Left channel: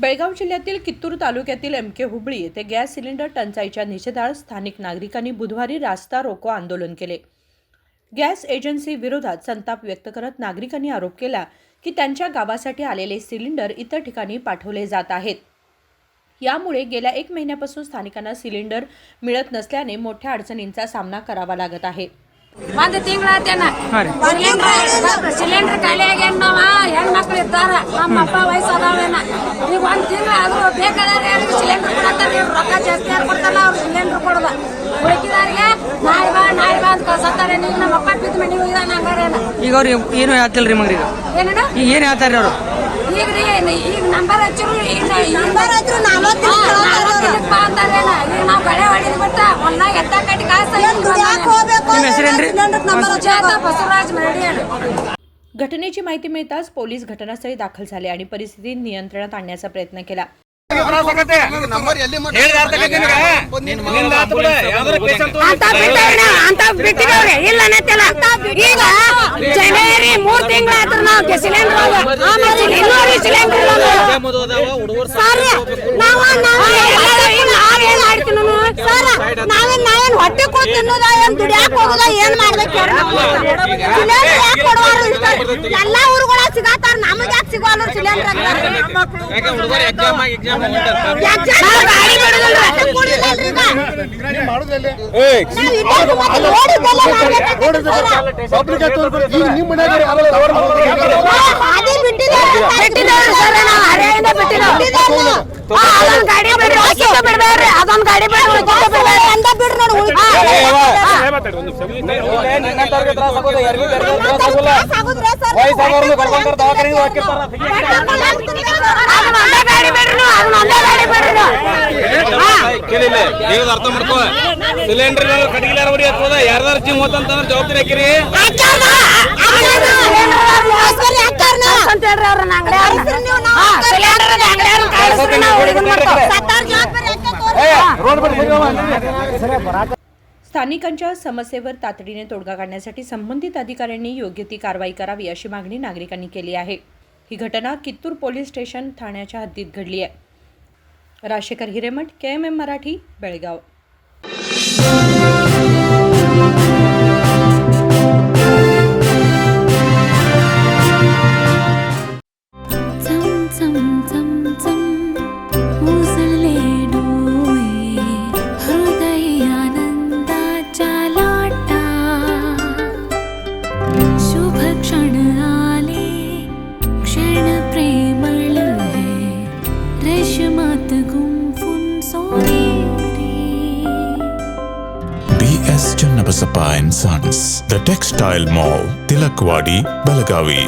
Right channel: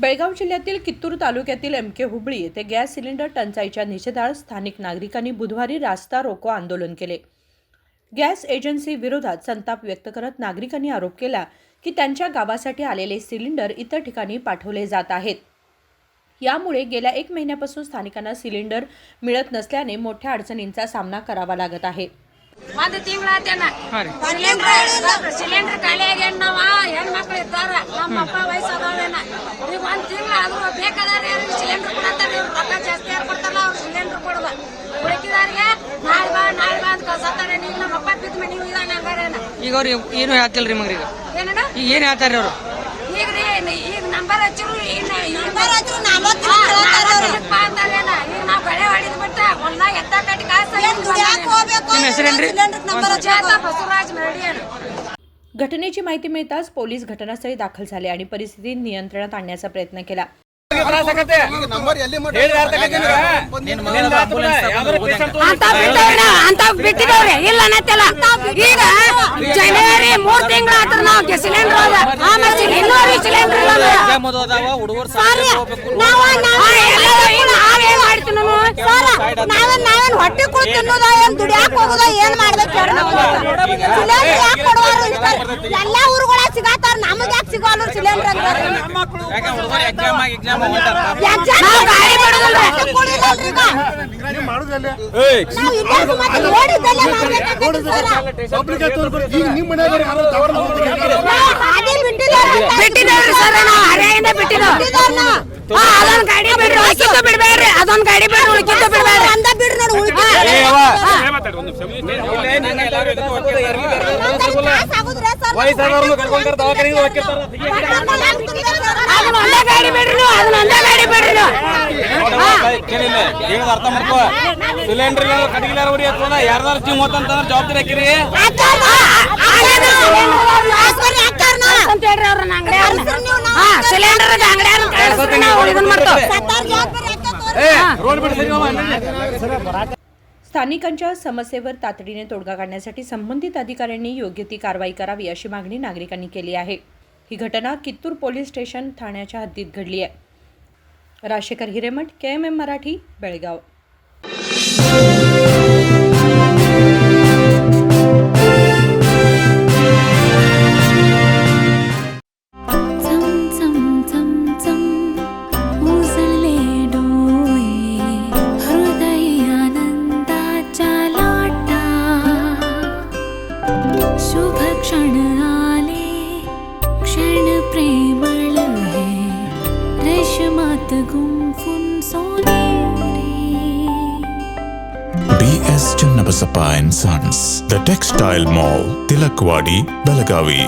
बेळगाव जिल्ह्यातील कित्तूर तालुक्यातील एमके हुबळी येथे गॅस सिलेंडर टंचाईच्या निषेधार्थ स्थानिक नागरिकांनी बुधवारी रास्ता रोको आंदोलन केले। गॅस एजन्सी विरोधात संताप व्यक्त करत नागरिकांनी आरोप केला की त्यांच्या गावासाठी आलेले सिलेंडर इतर ठिकाणी पाठवले जात आहेत। यामुळे गेल्या 1 महिन्यापासून स्थानिकांना सिलेंडर मिळत नसल्याने मोठ्या अडचणींचा सामना करावा लागत आहे। ಒಂದು ತಿಂಗಳಾತೇನ ಸಿಲಿಂಡರ್ ಖಾಲಿ ಆಗ್ಯಾನ ನಾವ ಹೆಣ್ಮಕ್ಳು ಇರ್ತಾರ ನಮ್ಮ ಅಪ್ಪ ವಯಸ್ಸಾದವೇನ ಈಗ ಒಂದ್ ತಿಂಗಳ ಆದ್ರೂ ಬೇಕಾದ್ರೆ ಸಿಲಿಂಡರ್ ಕೊಡತ್ತಾರ ರೊಕ್ಕ ಜಾಸ್ತಿ ಯಾರು ಕೊಡ್ತಾರಲ್ಲ ಅವ್ರು ಸಿಲಿಂಡರ್ ಕೊಡೋದ ಉಳಿಕಿದಾರಿಗೆ ನಾಳೆ ಬಾ ಅಂತ ಕಳ್ಸತ್ತಾರೆ ಈಗ ನಮ್ಮ ಅಪ್ಪ ಬಿದ್ದ ಮನೆಗೆ ಹೋಗಿದಾನ ಹಂಗಾರೇನ ಈಗ ಅವ್ರು ಏನು ಹೇಳ್ತಿಲ್ರಿ ಮಗ್ರಿಗೆ ಏನಣ್ಣ ಈಗ ಏನ್ ಹೇಳ್ತಾರ್ರಿ ಅವ್ರು ಈಗ ನಂಬರ್ ಹಚ್ಚಿರು ಬಾ ಅಂತಾರೇನ ಈಗ ನಾವು ಗಳೆ ಹೊಡಿದ್ ಬಿಟ್ಟ ಹೊಲ ಎತ್ತ ಕಟ್ಟಿ ಕಾಸ ಬಸವರಾಜ್ ಮರಡಿ। घटनेची माहिती मिळताच पोलीस घटनास्थळी दाखल झाले आणि परिस्थिती नियंत्रणात आणण्याचा प्रयत्न केला। ಜನವರಿ 3 ತಿಂಗಳಾದ್ರೂ ನಾವು ಸಿಲಿಂಡರ್ ನಾವೇನ್ ಹೊಟ್ಟೆ ಕೂತ್ ತಿನ್ನೋದ ಏನ್ ದುಡಿಯಾಕ ಹೋಗೋದ ಏನ್ ಮಾಡ್ಬೇಕು ಸಿಲಿಂಡರ್ ಯಾಕೆ ಕೊಡುವಾರು ಎಲ್ಲಾ ಊರುಗಳ ಸಿಗತ್ತಾರ ನಮಗ್ ಯಾಕೆ ಸಿಗೋಲ್ಲ ಸಿಲಿಂಡರ್ ಅದೊಂದು ಗಾಡಿ ಅರ್ಥ ಮಾಡ್ಕೋ ಸಿಲಿಂಡರ್ ಕಟ್ಟಿಗೆ ಹೊಡಿ ಹತ್ತದ ಯಾರ್ದಾರ ಜಿಮ್ ಹೋತಂತಂದ್ರ ಜವಾಬ್ದಾರಿ ಹಾಕಿರಿ स्थानिकांच्या समस्येवर तातडीने तोडगा काढण्यासाठी संबंधित अधिकाऱ्यांनी योग्य ती कारवाई करावी अशी मागणी नागरिकांनी केली आहे। ही घटना कित्तूर पोलीस स्टेशन ठाण्याच्या हद्दीत घडली आहे। राजेकर हिरेमठ, KMM मराठी, बेळगाव। क्षण आले क्षण प्रेमळ है रेशमात गुंफून सोनेरी। BS Channabasappa and Sons, The Textile Mall, Tilakvadi, Belagavi.